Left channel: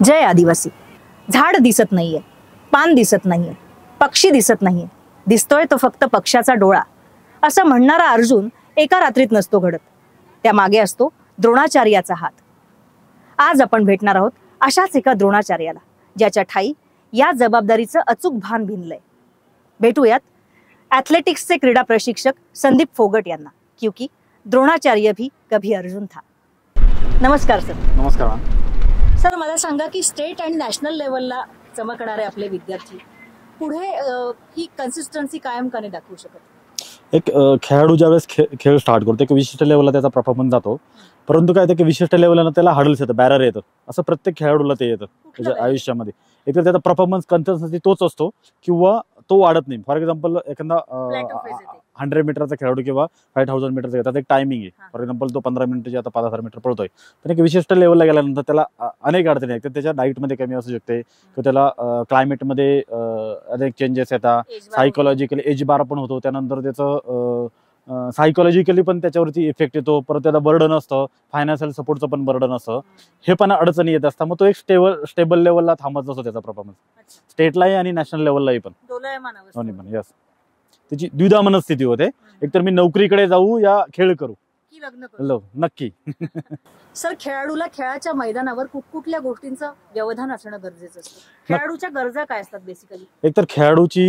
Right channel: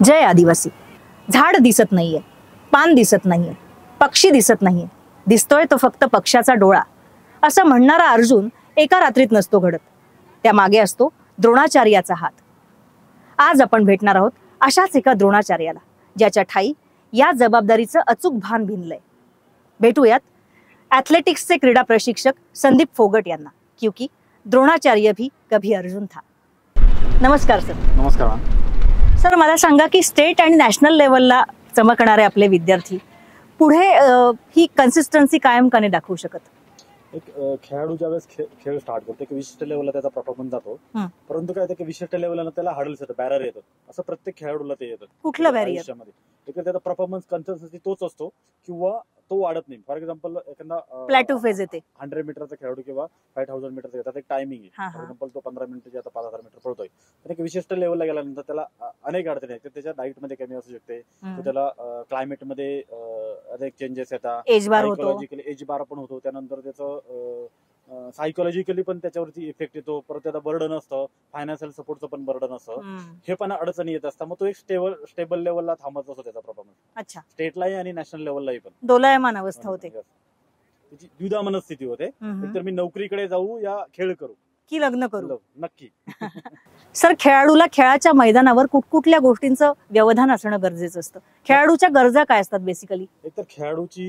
जय आदिवासी. झाड दिसत नाहीये, पान दिसत नाहीये, पक्षी दिसत नाहीये, दिसतोय तो फक्त पक्षाचा डोळा, असं म्हणणारा अर्जुन एका रात्रीत नसतो घडत. त्या मागे असतो द्रोणाचार्याचा हात. आज आपण भेटणार आहोत अशाच एका द्रोणाचार्याला, ज्याच्या ठाई या जबाबदारीचं अचूक भान भिनलंय. भेटूयात ॲथलेटिक्सचे क्रीडा प्रशिक्षक संदीप फोगट यांना, क्योंकि द्रोणाचार्य भी कभी अर्जुन था. नमस्कार सर. नमस्कार. सर, मला सांगा की स्टेट आणि नॅशनल लेवलला चमकणारे आपले विद्यार्थी पुढे ही कन्सिस्टन्सी कायम का नाही दाखवू शकत? एक खेळाडू ज्यावेळेस खेळ स्टार्ट करतो एक विशिष्ट लेवलला त्याचा परफॉर्मन्स जातो, परंतु काय ते विशिष्ट लेवलला त्याला हडल्स येतं, बॅरर येतं. असं प्रत्येक खेळाडूला ते येतं आयुष्यामध्ये. एक तर त्याचा परफॉर्मन्स कन्सिस्टन्सी तोच असतो किंवा तो वाढत नाही. फॉर एक्झाम्पल एखादा प्लॅटू फेज येते, 100 मीटरचा खेळाडू किंवा 5000 मीटरचा त्याचा एक टायमिंग आहे. फॉर एक्झाम्पल तो 15 मिनिटाची आता 5000 मीटर पळतोय, तर एक विशिष्ट लेवलला गेल्यानंतर त्याला अनेक अडचणी आहेत. त्याच्या डाईटमध्ये कमी असू शकते, त्याला क्लायमेटमध्ये अनेक चेंजेस येतात, सायकोलॉजिकली एज बार पण होतो, त्यानंतर त्याचं सायकोलॉजिकली पण त्याच्यावरती इफेक्ट येतो. परत त्याला बर्डन असतं, फायनान्शियल सपोर्टचं पण बर्डन असतं. हे पण अडचणी येत असतात. मग तो एक स्टेबल लेवलला थांबत असतो त्याचा परफॉर्मन्स. स्टेटलाही आणि नॅशनल लेवललाही पण दोलायमान अवस्था होते, त्याची द्विधा मनस्थिती होते. एकतर मी नोकरीकडे जाऊ या खेळ करू की लग्न करू. नक्की. सर, खेळाडूला खेळाच्या मैदानावर कुठल्या गोष्टींचं व्यवधान असणं गरजेचं असतं? खेळाडूच्या गरजा काय असतात बेसिकली? एकतर खेळाडूची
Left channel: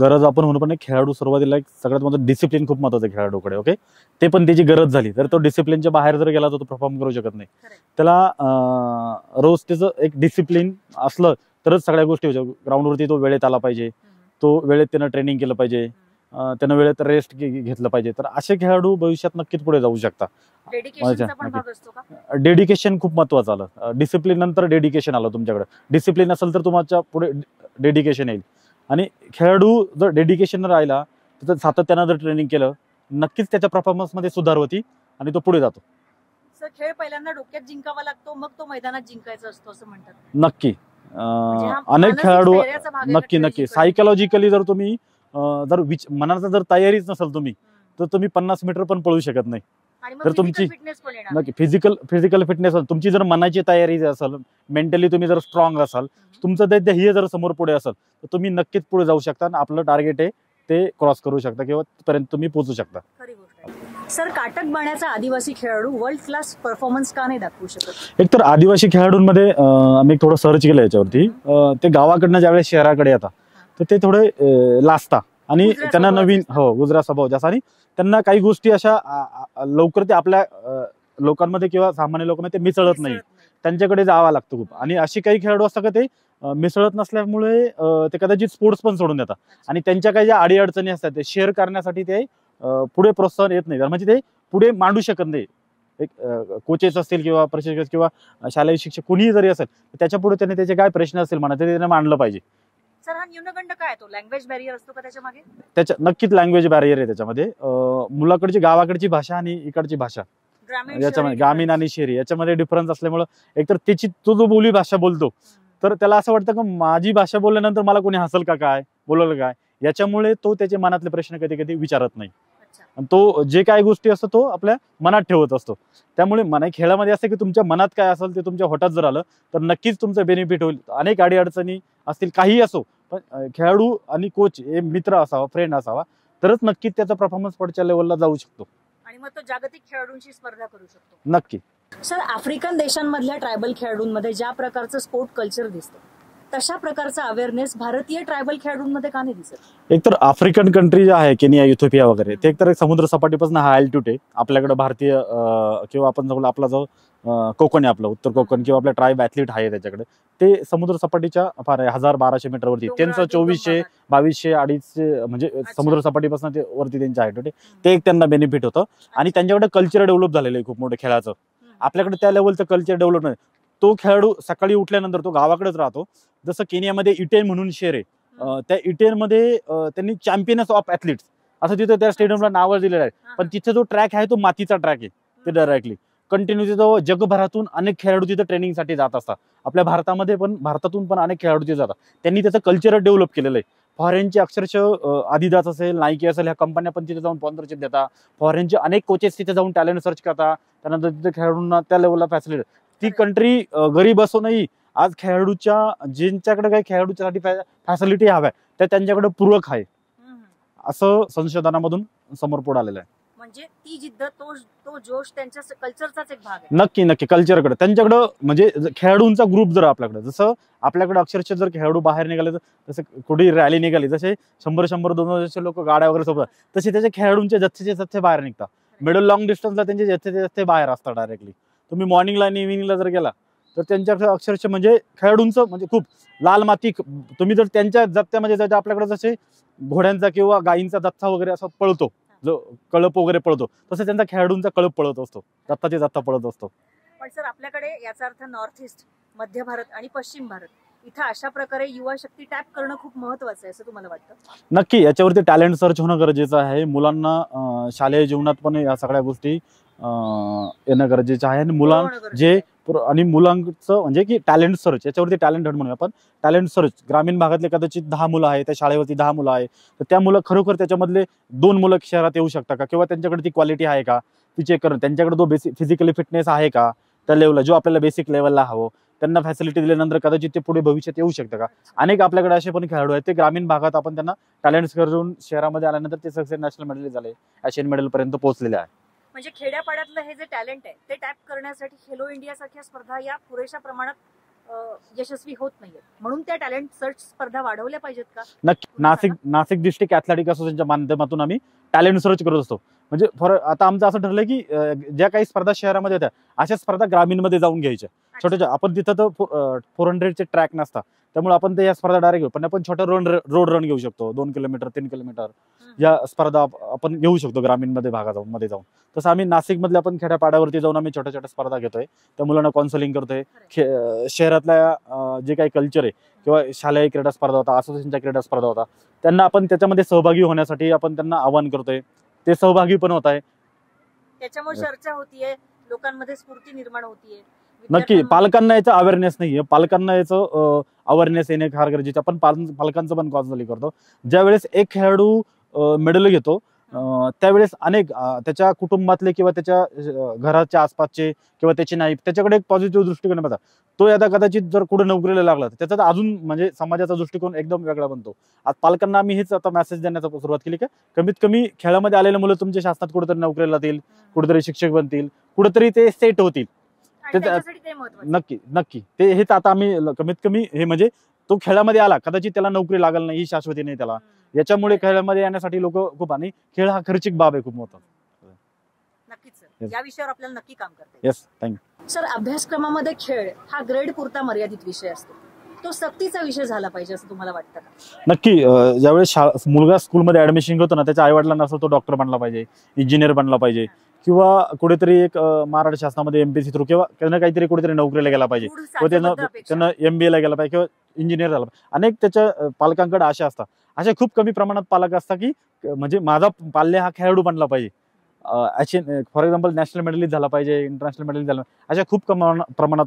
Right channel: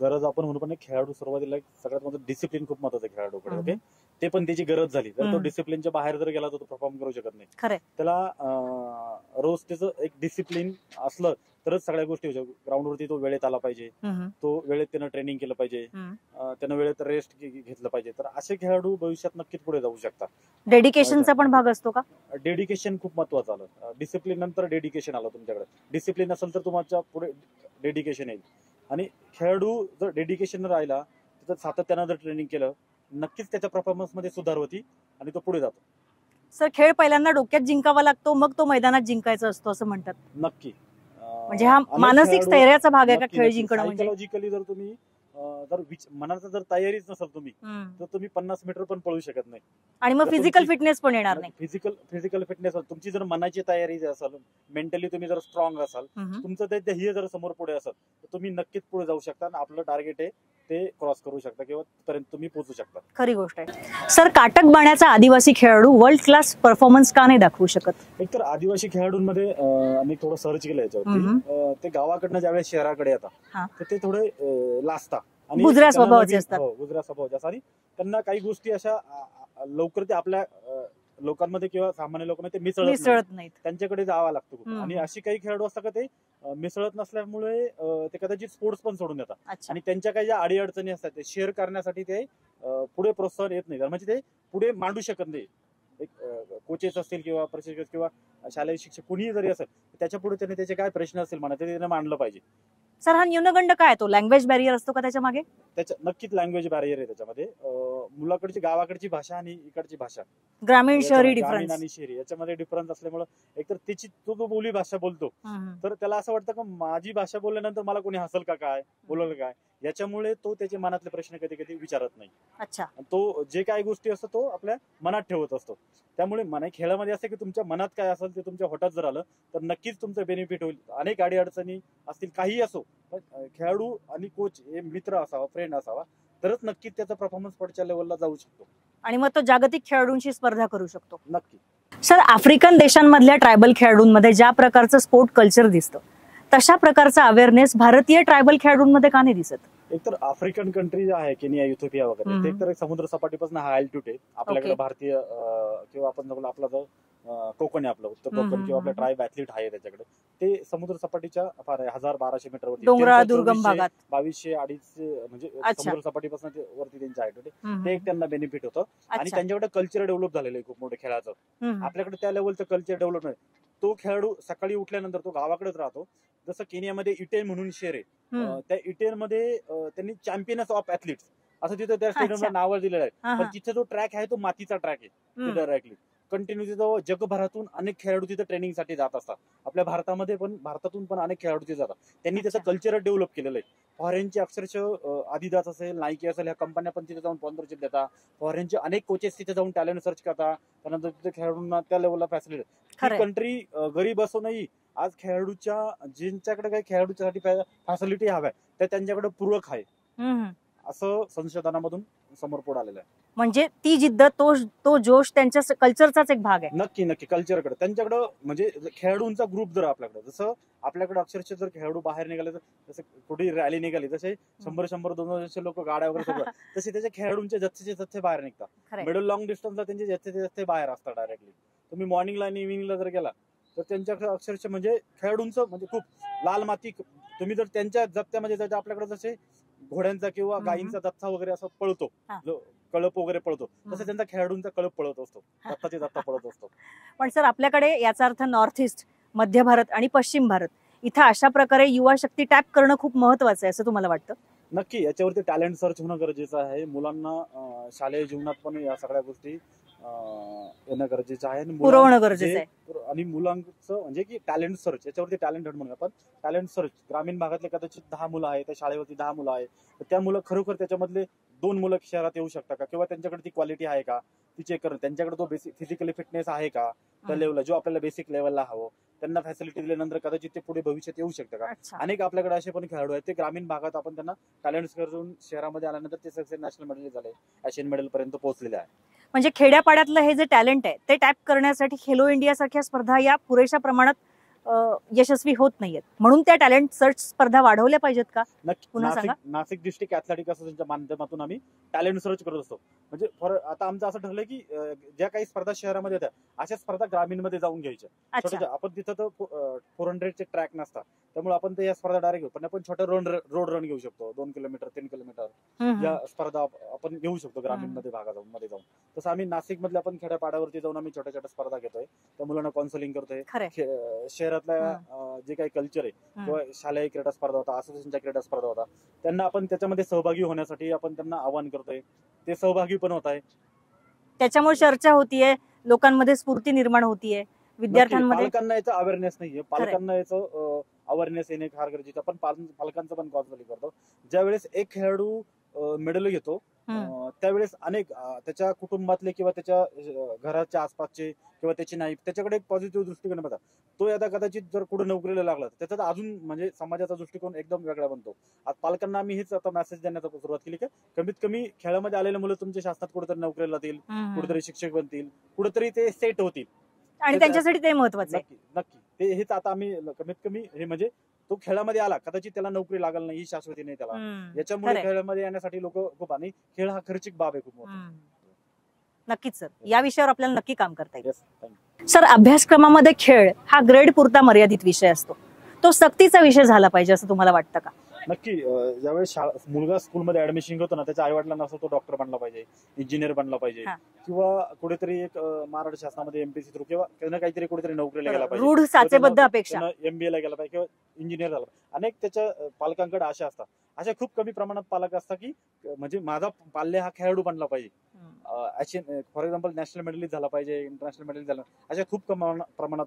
गरज आपण म्हणू, पण खेळाडू सुरुवातीला सगळ्यात महत्त्वाचं डिसिप्लिन खूप महत्वाचं आहे खेळाडूकडे. ओके, ते पण त्याची गरज झाली तर तो डिसिप्लिनच्या बाहेर जर गेला तर तो परफॉर्म करू शकत नाही. त्याला रोज त्याचं एक डिसिप्लिन असलं तरच सगळ्या गोष्टी होत्या. ग्राउंडवरती तो वेळेत आला पाहिजे, तो वेळेत त्यानं ट्रेनिंग केलं पाहिजे, त्यानं वेळेत रेस्ट घेतलं पाहिजे. तर असे खेळाडू भविष्यात नक्कीच पुढे जाऊ शकतात. डेडिकेशनचा पण भाग असतो का? डेडिकेशन खूप महत्वाचं आलं. डिसिप्लिन नंतर डेडिकेशन आलं तुमच्याकडे. डिसिप्लिन असेल तर तुमच्या पुढे डेडिकेशन येईल. आणि खेळाडू जर डेडिकेशन राहिला, तर सातत्यानं जर ट्रेनिंग केलं, नक्कीच त्याच्या परफॉर्मन्स मध्ये सुधार होती आणि तो पुढे जातो. सर, खेळ पहिल्यांदा डोक्यात जिंकावा लागतो, मग तो मैदानात जिंकायचा असतो असं म्हणतात. नक्की. अनेक खेळाडू नक्की सायकोलॉजिकली जर तुम्ही मनाचा जर तयारीच नसेल तुम्ही, तर तुम्ही 50 मीटर पण पळू शकत नाही. आणि मग फिजिकल फिटनेस पण येणार नाही. फिजिकल फिटनेस तुमची जर मनाची तयारी असेल, मेंटली तुम्ही जर स्ट्रॉंग असाल, तुमचं ते ध्येय जर समोर पुढे असेल, तर तुम्ही नक्कीच पुढे जाऊ शकता आणि आपलं टार्गेट आहे ते क्रॉस करू शकता किंवा पर्यंत तुम्ही पोहोचू शकता. खरी गोष्ट आहे. सर, काटक बाण्याचा आदिवासी खेळाडू वर्ल्ड क्लास परफॉर्मन्स का नाही दाखवू शकत? एकतर आदिवासी खेळाडूंमध्ये आम्ही थोडं सर्च केलं याच्यावरती. ते गावाकडनं ज्यावेळेस शहराकडे येतात तर ते थोडे लाजता आणि त्यांना नवीन गुजरा स्वभाव जास्त, आणि त्यांना काही गोष्टी अशा लवकर ते आपल्या लोकांमध्ये किंवा सामान्य लोकांमध्ये ते मिसळत नाही, त्यांच्याकडे जावं लागतं खूप. आणि अशी काही खेळाडू असतात का ते मिसळत नसल्यामुळे ते कदाचित स्पोर्ट्स पण सोडून देतात. आणि त्यांच्या काही ज्या अडीअडचणी असतात ते शेअर करण्यासाठी ते पुढे प्रोत्साहन येत नाही, म्हणजे ते पुढे मांडू शकत नाही. एक कोचेस असतील किंवा प्रशिक्षक किंवा शालेय शिक्षक कोणीही जरी असेल, त्याच्या पुढे त्याने त्याचे काय प्रश्न असतील म्हणा, ते त्याने मांडलं पाहिजे. सर, हा न्यूनगंड काय? तो लँग्वेज बॅरियर असतो का त्याच्या मागे? नक्कीच लँग्वेज बॅरियर आहे त्याच्यामध्ये. मुलाकडची गावाकडची भाषा आणि इकडची भाषा, ग्रामीण आणि शहरी याच्यामध्ये डिफरन्स असल्यामुळे एकतर त्याची तो जो बोली भाषा बोलतो, तर त्याला असं वाटतं की माझी भाषा बोलल्यानंतर मला कोणी हसल का काय, बोलवलं काय, याच्यामुळे तो त्याचे मनातले प्रश्न कधी कधी विचारत नाही. तो जे काही गोष्टी असतो तो आपल्या मनात ठेवत असतो. त्यामुळे खेळामध्ये असं की तुमच्या मनात काय असेल ते तुमच्या होटात जर आलं तर नक्कीच तुमचं बेनिफिट होईल. अनेक अडीअडचणी असतील, काही असो, पण खेळाडू आणि कोच हे मित्र असावा, फ्रेंड असावा, तरच नक्कीच त्याचा परफॉर्मन्स पुढच्या लेवलला जाऊ शकतो आणि मग तो जागतिक खेळाडूंशी स्पर्धा करू शकतो. नक्की. सर, आफ्रिकन देशांमधल्या ट्रायबल खेळाडूंमध्ये ज्या प्रकारचं स्पोर्ट कल्चर दिसतं, तशा प्रकारचा अवेअरनेस भारतीय ट्रायबल खेळाडूंमध्ये का नाही दिसत? एकतर आफ्रिकन कंट्री जे आहे, केनिया, इथिओपिया वगैरे, ते एकतर समुद्र सपाटीपासून हा अल्टिट्यूड आहे. आपल्याकडे भारतीय किंवा आपण आपला जो कोकण आहे, आपलं उत्तर कोकण किंवा आपल्या ट्राईब ॲथलीट आहे त्याच्याकडे, ते समुद्र सपाटीच्या 1000-1200 मीटरवरती, त्यांचं 2400, 2200, 250 म्हणजे समुद्र सपाटीपासून ते वरती त्यांच्या हाईट होते. ते एक त्यांना बेनिफिट होतं. आणि त्यांच्याकडे कल्चर डेव्हलप झालेलं आहे खूप मोठं खेळाचं. आपल्याकडे त्या लेवलचं कल्चर डेव्हलप नाही. तो खेळाडू सकाळी उठल्यानंतर तो गावाकडेच राहतो. जसं केनियामध्ये इटेन म्हणून शहर आहे, त्या इटेनमध्ये त्यांनी चॅम्पियन्स ऑफ ॲथलीट्स असं तिथं त्या स्टेडियमला नाव दिलेलं आहे. पण तिथे जो ट्रॅक आहे तो मातीचा ट्रॅक आहे. ते डायरेक्टली कंटिन्यू तिथं जगभरातून अनेक खेळाडू तिथं ट्रेनिंगसाठी जात असतात. आपल्या भारतातून पण अनेक खेळाडू तिथे जातात. त्यांनी त्याचं कल्चर डेव्हलप केलेलं आहे. फॉरेनचे अक्षरशः आदिदास असेल, नाईकी असेल, ह्या कंपन्या पण तिथे जाऊन स्पॉन्सरशिप देतात. फॉरेनचे अनेक कोचेस तिथे जाऊन टॅलेंट सर्च करतात. त्यानंतर तिथे खेळाडूंना त्या लेवलला फॅसिलिटी ही कंट्री गरीब असूनही आज खेळाडूच्या ज्यांच्याकडे काही खेळाडूच्यासाठी फॅसिलिटी हव्या त्या त्यांच्याकडे पूरक आहे असं संशोधनामधून समोर पुढे आलेलं आहे. म्हणजे ती जिद्द, तो जोश त्यांच्या कल्चरचाच एक भाग आहे. नक्की नक्की कल्चरकडे त्यांच्याकडं म्हणजे खेळाडूंचा ग्रुप जर आपल्याकडे, जसं आपल्याकडे अक्षरशः जर खेळाडू बाहेर निघाले तर जसं कुठे रॅली निघाली जसे 100-200 लोक गाड्या वगैरे सोबत तसे त्याचे खेळाडूंचे जथ्थे बाहेर निघतात. मिडल लॉंग डिस्टन्सला त्यांचे जथ्थे बाहेर असतात डायरेक्टली. तुम्ही मॉर्निंगला आणि इव्हिनिंगला जर गेला तर त्यांच्या अक्षरशः म्हणजे खेळाडूंचं म्हणजे खूप लाल माती. तुम्ही जर त्यांच्या जथ्यामध्ये आपल्याकडे जसे घोड्यांचा किंवा गायींचा जथ्था वगैरे असं पळतो, जो कळप वगैरे पळतो, तसं त्यांचा खेळाडूंचा कळप पळत असतो, जथ्थाचे जथ्था पळत असतो. पण सर आपल्याकडे याचा अर्थ नॉर्थ ईस्ट, मध्य भारत आणि पश्चिम भारत इथं अशा प्रकारे युवा शक्ती टॅप करणं खूप महत्वाचं आहे असं तुम्हाला वाटतं? नक्की याच्यावरती टॅलेंट सर्च होणं गरजेचं आहे. मुलांना शालेय जीवनात पण या सगळ्या गोष्टी येणं गरजेचं आहे. आणि मुलांचं म्हणजे की टॅलेंट सर्च, याच्यावरती टॅलेंट हंट म्हणूया आपण. टॅलेंट सर्च ग्रामीण भागातले कदाचित 10 मुलं आहे, त्या शाळेवरती 10 मुलं आहे, तर त्या मुलं खरोखर त्याच्यामधले 2 मुलं शहरात येऊ शकतात का, किंवा त्यांच्याकडे ती क्वालिटी आहे का ती चेक करणं. त्यांच्याकडे तो बेसिक फिजिकली फिटनेस आहे का त्या लेवलला, जो आपल्याला बेसिक लेवलला हवं. त्यांना फॅसिलिटी दिल्यानंतर कदाचित ते पुढे भविष्यात येऊ शकतं का. अनेक आपल्याकडे असे पण खेळाडू आहेत ते ग्रामीण भागात आपण त्यांना टॅलेंट करून शहरामध्ये आल्यानंतर ते सक्सेस नॅशनल मेडल झाले, एशियन मेडल पर्यंत पोहोचलेले आहे. म्हणजे खेड्यापाड्यातलं हे जे टॅलेंट आहे ते टॅप करण्यासाठी खेलो इंडिया सारख्या स्पर्धा या पुरेशा प्रमाणात यशस्वी होत नाहीयेत, म्हणून त्या टॅलेंट सर्च स्पर्धा वाढवल्या पाहिजेत का? नक्की. नाशिक डिस्ट्रिक्ट ॲथलेटिक असोसिएशनच्या माध्यमातून आम्ही टॅलेंट सर्च करत असतो. म्हणजे आता आमचं असं ठरलंय की ज्या काही स्पर्धा शहरामध्ये येतात अशा स्पर्धा ग्रामीणमध्ये जाऊन घ्यायच्या. छोट्या आपण तिथं तर 400चे ट्रॅक नसतात, त्यामुळे आपण ते या स्पर्धा डायरेक्ट घेऊ. पण आपण छोटा रोड रन घेऊ शकतो, 2 किलोमीटर 3 किलोमीटर या स्पर्धा आपण घेऊ शकतो ग्रामीण मध्ये जाऊन. तसं आम्ही नाशिक मधल्या आपण खेड्यापाड्यावरती जाऊन आम्ही छोट्या छोट्या स्पर्धा घेतोय, त्या मुलांना काउन्सिलिंग करतोय. शहरातल्या जे काही कल्चर आहे किंवा शालेय क्रीडा स्पर्धा होता, असोसिएशनच्या क्रीडा स्पर्धा होता, त्यांना आपण त्याच्यामध्ये सहभागी होण्यासाठी आपण त्यांना आवाहन करतोय. ते सहभागी पण होत आहे, त्याच्यामुळे चर्चा होतीये, लोकांमध्ये स्फूर्ती निर्माण होतीये. नक्की पालकांना याचा अवेअरनेस नाहीये, पालकांना याचं अवेअरनेस येणे फार गरजेचं. आपण पालकांचं पण काउन्सिलिंग करतो. ज्यावेळेस एक खेळाडू मेडल घेतो त्यावेळेस अनेक त्याच्या कुटुंबातले किंवा त्याच्या घराच्या आसपासचे किंवा त्याचे नाईक त्याच्याकडे एक पॉझिटिव्ह दृष्टिकोन येतात. तो आता कदाचित जर कुठे नोकरीला लागला तर त्याचा अजून म्हणजे समाजाचा दृष्टिकोन एकदम वेगळा बनतो. आज पालकांना आम्ही हेच आता मेसेज देण्याचा सुरुवात केली की कमीत कमी खेळामध्ये आलेले मुलं तुमच्या शासनात कुठेतरी नोकरीला जातील, कुठेतरी शिक्षक बनतील, कुठेतरी ते सेट होतील आणि त्यांच्यासाठी ते महत्त्वाचं. नक्की ते हेच आता आम्ही कमीत कमी हे म्हणजे तो खेळामध्ये आला कदाचित त्याला नोकरी लागल नाही ही शाश्वती नाही त्याला. याच्यामुळे खेळामध्ये येण्यासाठी लोक खूप, आणि खेळ हा खर्चिक बाब आहे खूप मोठा. नक्कीच सर, या विषयावर आपल्याला नक्की काम करता येईल. Thank you sir. अभ्यासक्रमामध्ये खेळ हा ग्रेड पुरता मर्यादित विषय असतो, तो सक्तीचा विषय झाला पाहिजे असं तुम्हाला वाटतं का? नक्की. ज्यावेळेस मुलगा स्कूलमध्ये ऍडमिशन घेतो ना, त्याच्या आई वडिलांना असं तो डॉक्टर बनला पाहिजे, इंजिनियर बनला पाहिजे, किंवा कुठेतरी एक महाराष्ट्र शासनामध्ये एमपीएससी थ्रू किंवा त्यांना काहीतरी कुठेतरी नोकरीला गेला पाहिजे, त्यांना MBA ला गेला पाहिजे किंवा इंजिनियर झाला पाहिजे. अनेक त्याच्या पालकांकडे आशा असतात. अशा खूप कमी प्रमाणात पालक असतात की म्हणजे माझा पाल्य हा खेळाडू बनला पाहिजे, फॉर एक्झाम्पल नॅशनल मेडलिस्ट झाला पाहिजे, इंटरनॅशनल मेडलिस्ट झाला, अशा खूप प्रमाणात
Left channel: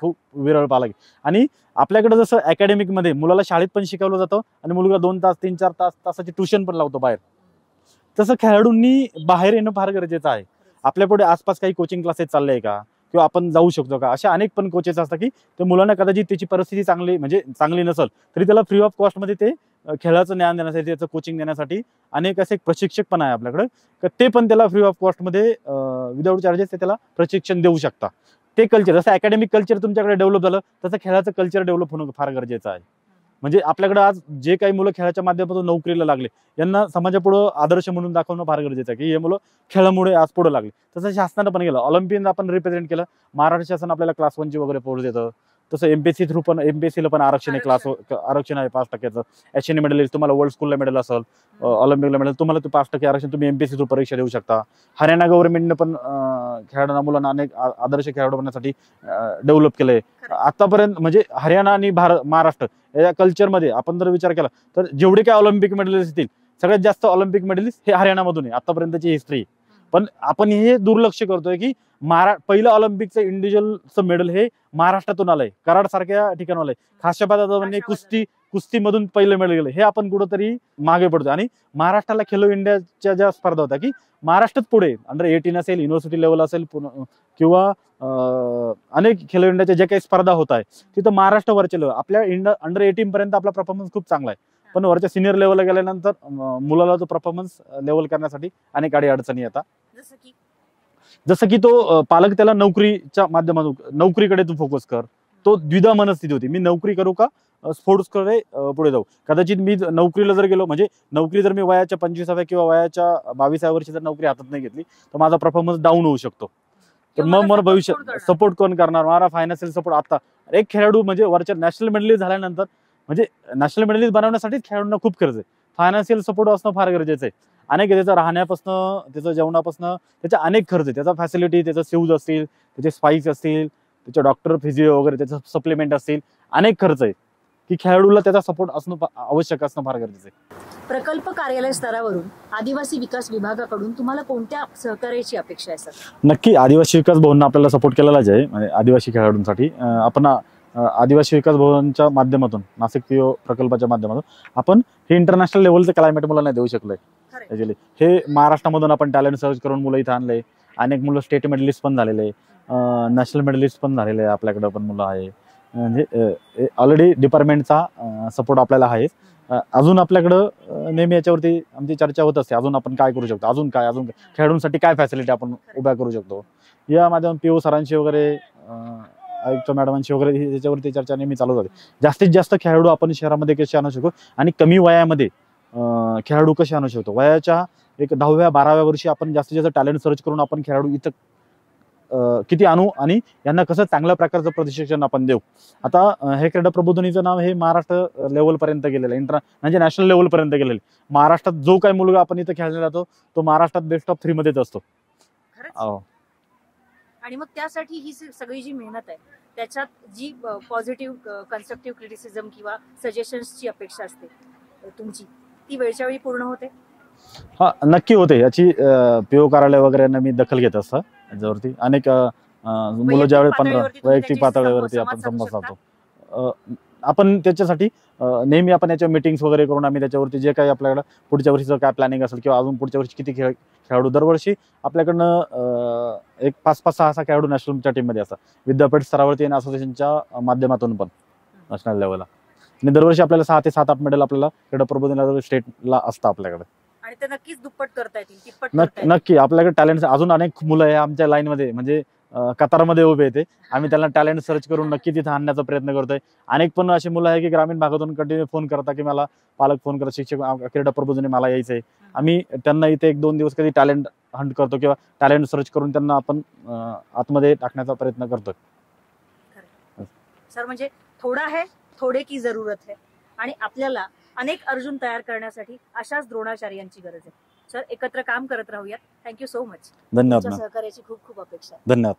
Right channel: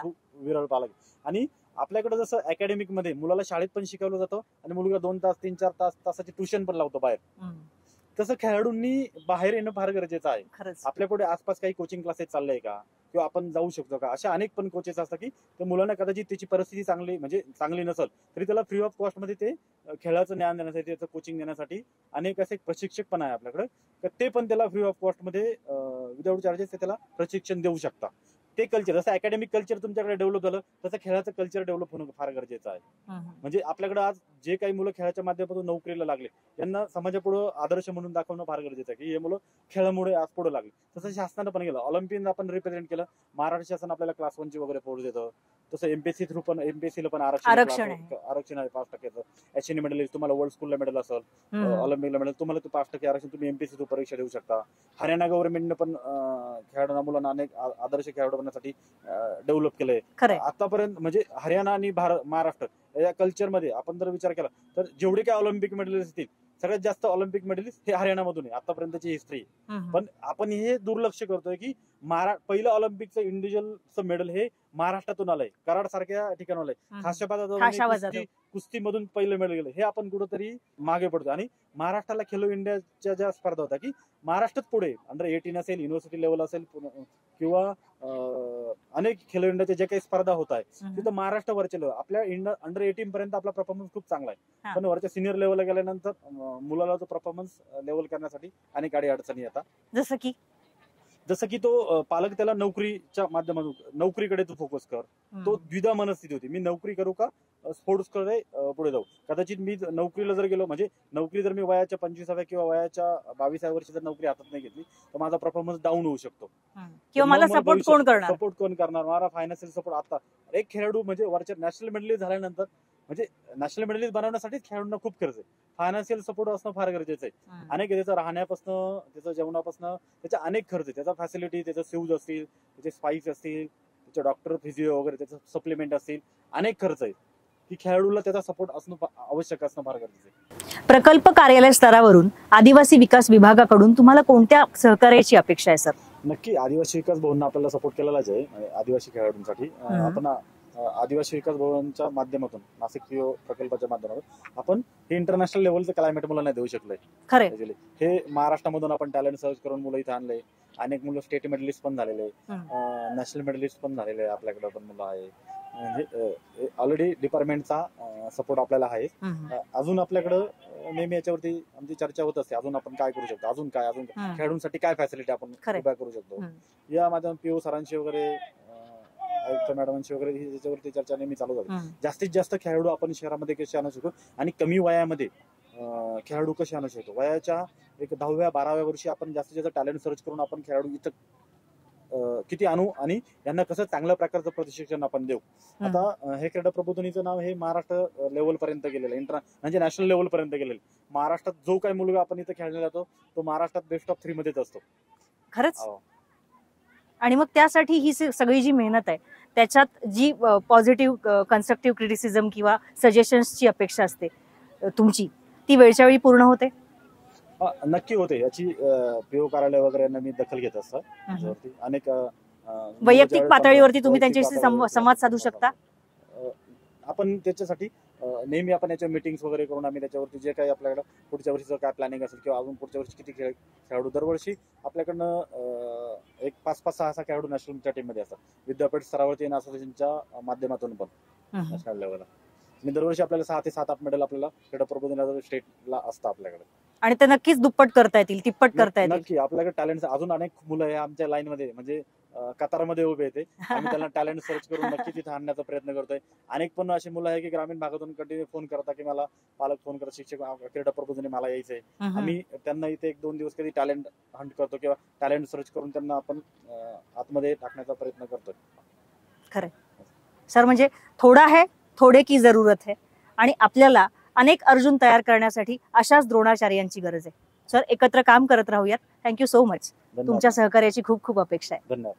खूप विरळ पालक. आणि आपल्याकडे जसं अकॅडमिक मध्ये मुलाला शाळेत पण शिकवलं जातं आणि मुलगा 2 तास 3-4 तासाची ट्युशन पण लावतो बाहेर, तसं खेळाडूंनी बाहेर येणं फार गरजेचं आहे. आपल्या पुढे आसपास काही कोचिंग क्लासेस चालले का, किंवा आपण जाऊ शकतो का, अशा अनेक पण कोचेस असतात की ते मुलांना कदाचित त्याची परिस्थिती चांगली नसेल तरी त्याला फ्री ऑफ कॉस्ट मध्ये ते खेळाचं ज्ञान देण्यासाठी, त्याचं कोचिंग देण्यासाठी अनेक असे प्रशिक्षक पण आहे आपल्याकडे, ते पण त्याला फ्री ऑफ कॉस्ट मध्ये विदाऊट चार्जेस ते त्याला प्रशिक्षण देऊ शकता. ते कल्चर जसं अकॅडमिक कल्चर तुमच्याकडे डेव्हलप झालं तसं खेळाचं कल्चर डेव्हलप होणं फार गरजेचं आहे. म्हणजे आपल्याकडे आज जे काही मुलं खेळाच्या माध्यमातून नोकरीला लागले यांना समाजापुढे आदर्श म्हणून दाखवणं फार गरजेचं आहे की हे मुलं खेळामुळे आज पुढे लागले. तसं शासनानं पण केलं, ऑलिम्पियन आपण रिप्रेझेंट केलं, महाराष्ट्र शासन आपल्याला क्लास 1 ची वगैरे पोस्ट देतं. तसं एमपीएससी थ्रू पण एमपीएससीला पण आरक्षण आहे 5%. एशियन मेडल तुम्हाला वर्ल्ड स्कूलला मेडल असेल, ऑलिम्पिकला मेडल तुम्हाला 5% आरक्षण, तुम्ही एमपीएससी थ्रू परीक्षा देऊ शकता. हरियाणा गव्हर्नमेंटने पण खेळाडूंना मुलांना अनेक आदर्श खेळाडू बनण्यासाठी डेव्हलप केलंय आतापर्यंत. म्हणजे हरियाणा आणि महाराष्ट्र या कल्चरमध्ये आपण जर विचार केला तर जेवढे काय ऑलिम्पिक मेडलिस्ट येतील सगळ्यात जास्त ऑलिम्पिक मेडलिस्ट हे हरियाणामधून आहे आतापर्यंतची हिस्ट्री. पण आपण हे दुर्लक्ष करतोय की पहिलं ऑलिम्पिकचं इंडिव्हिज्युअलचं मेडल हे महाराष्ट्रातून आलंय, कराड सारख्या ठिकाणून आलंय. खाशाबा जाधवांनी कुस्तीमधून पहिलं मेडल गेलं. हे आपण कुठंतरी मागे पडतो. आणि महाराष्ट्राला खेलो इंडियाच्या ज्या स्पर्धा होत्या की महाराष्ट्रात पुढे अंडर 18 असेल, युनिव्हर्सिटी लेवल असेल किंवा अनेक खेलो इंडियाच्या ज्या काही स्पर्धा होत आहे तिथं महाराष्ट्र वरचे लेवल. आपल्या अंडर 18 पर्यंत आपला परफॉर्मन्स खूप चांगला आहे, पण वरच्या सिनियर लेवलला गेल्यानंतर मुलाला तो परफॉर्मन्स लेवल करण्यासाठी अनेक अडचणी येतात. जसं की तो पालक त्याला नोकरीच्या माध्यमातून नोकरीकडे तू फोकस कर. तो द्विधा मनस्थिती होती, मी नोकरी करू का स्पोर्ट्स कडे पुढे जाऊ. कदाचित मी नोकरीला जर गेलो, म्हणजे नोकरी जर मी वयाच्या 25व्या किंवा वयाच्या 22व्या वर्षी जर नोकरी हातात नाही घेतली तर माझा परफॉर्मन्स डाऊन होऊ शकतो. मग मला भविष्यात सपोर्ट कोण करणार, मला फायनान्शियल सपोर्ट. आता एक खेळाडू म्हणजे वरच्या नॅशनल मेडलिस्ट झाल्यानंतर, म्हणजे नॅशनल मेडलिस्ट बनवण्यासाठीच खेळाडूंना खूप खर्च आहे. फायनान्शियल सपोर्ट असणं फार गरजेचं आहे. अनेक त्याचा राहण्यापासून, त्याचं जेवणापासून, त्याचा अनेक खर्च आहे. त्याचा फॅसिलिटी, त्याचं शूज असतील, त्याचे स्पाइक्स असतील, त्याचे डॉक्टर, फिजिओ वगैरे, त्याचं सप्लिमेंट असतील, अनेक खर्च आहे की खेळाडूला त्याचा सपोर्ट असणं आवश्यक असणं फार गरजेचं आहे. प्रकल्प कार्यालय स्तरावरून आदिवासी विकास विभागाकडून तुम्हाला कोणत्या सहकार्याची अपेक्षा आहे सर? नक्की आदिवासी विकास भवननं आपल्याला सपोर्ट केलेलाच आहे. म्हणजे आदिवासी खेळाडूंसाठी आपण आदिवासी विकास भवनच्या माध्यमातून, नाशिक पीओ प्रकल्पाच्या माध्यमातून आपण हे इंटरनॅशनल लेवलचं क्लायमेट मुलांना देऊ शकलोय. खरं हे महाराष्ट्रामधून आपण टॅलेंट सर्च करून मुलं इथं आणले. अनेक मुलं स्टेट मेडलिस्ट पण झालेले, नॅशनल मेडलिस्ट पण झालेले आपल्याकडे पण मुलं आहे. म्हणजे ऑलरेडी डिपार्टमेंटचा सपोर्ट आपल्याला आहे. अजून आपल्याकडं नेहमी याच्यावरती आमची चर्चा होत असते, अजून आपण काय करू शकतो, अजून काय खेळाडूंसाठी काय फॅसिलिटी आपण उभ्या करू शकतो. या माध्यमातून पीओ सरांशी वगैरे, आयुक्त मॅडमांशी वगैरे त्याच्यावरती चर्चा नेहमी चालू होते. जास्तीत जास्त खेळाडू आपण शहरामध्ये कसे आणू शकतो आणि कमी वयामध्ये खेळाडू कसे आणू शकतो. वयाच्या एक 10व्या 12व्या वर्षी आपण जास्तीत जास्त टॅलेंट सर्च करून आपण खेळाडू इथं किती आणू आणि यांना कसं चांगल्या प्रकारचं प्रशिक्षण आपण देऊ. आता हे क्रीडा प्रबोधिनीचं नाव हे महाराष्ट्र लेवल पर्यंत गेलेलं आहे, म्हणजे नॅशनल लेवल पर्यंत गेलेलं. महाराष्ट्रात जो काही मुलगा आपण इथं खेळायला जातो तो महाराष्ट्रात बेस्ट ऑफ 3 मध्येच असतो. खरंच. आणि मग त्यासाठी ही सगळी जी मेहनत आहे त्याच्यात जी पॉझिटिव्ह कन्स्ट्रक्टिव्ह क्रिटिसिझम किंवा सजेशन्सची अपेक्षा असते तुमची, ती वेळच्या वेळी पूर्ण होते? हा, नक्की होते. याची पीओ कार्यालय वगैरे मी दखल घेत असतो. त्याच्यावरती अनेक पातळीवरती तुम्ही त्यांच्याशी संवाद साधू शकता. आपण त्याच्यासाठी नेहमी आपण याच्या मीटिंग्स वगैरे करून आम्ही त्याच्यावरती जे काही आपल्याकडं पुढच्या वर्षीचं काय प्लॅनिंग असेल किंवा अजून पुढच्या वर्षी किती खेळाडू, दरवर्षी आपल्याकडनं एक 5-6 खेळाडू नॅशनलच्या टीममध्ये असतात. विद्यापीठ स्तरावरती आणि असोसिएशनच्या माध्यमातून पण नॅशनल लेवलला. आणि दरवर्षी आपल्याला 6 ते 7-8 मेडल आपल्याला क्रीडा प्रबोधनाला स्टेटला असतं आपल्याकडे. आणि ते नक्कीच दुप्पट करता येतील, तिप्पट करता येतील. नक्की आपल्याकडे टॅलेंट अजून अनेक मुलं आहे आमच्या लाईन मध्ये, म्हणजे कतारमध्ये उभे येते. आम्ही त्यांना टॅलेंट सर्च करून नक्की तिथे आणण्याचा प्रयत्न करतोय. अनेक पण अशी मुलं आहे की ग्रामीण भागातून कंटिन्यू फोन करतात की मला पालक फोन करतात, शिक्षक, क्रीडा प्रबोधनी मला यायचंय. आम्ही त्यांना इथे 1-2 दिवस कधी टॅलेंट हंट करतो किंवा टॅलेंट सर्च करून त्यांना आपण आतमध्ये टाकण्याचा प्रयत्न करतोय. खरं सर, म्हणजे थोडा है थोडे की जरूरत है, आणि आपल्याला अनेक अर्जुन तयार करण्यासाठी अशाच द्रोणाचार्यांची गरज आहे. सर, एकत्र काम करत राहूयात. Thank you so much. धन्यवाद. तुमच्या सहकार्याची खूप खूप अपेक्षा आहे. धन्यवाद.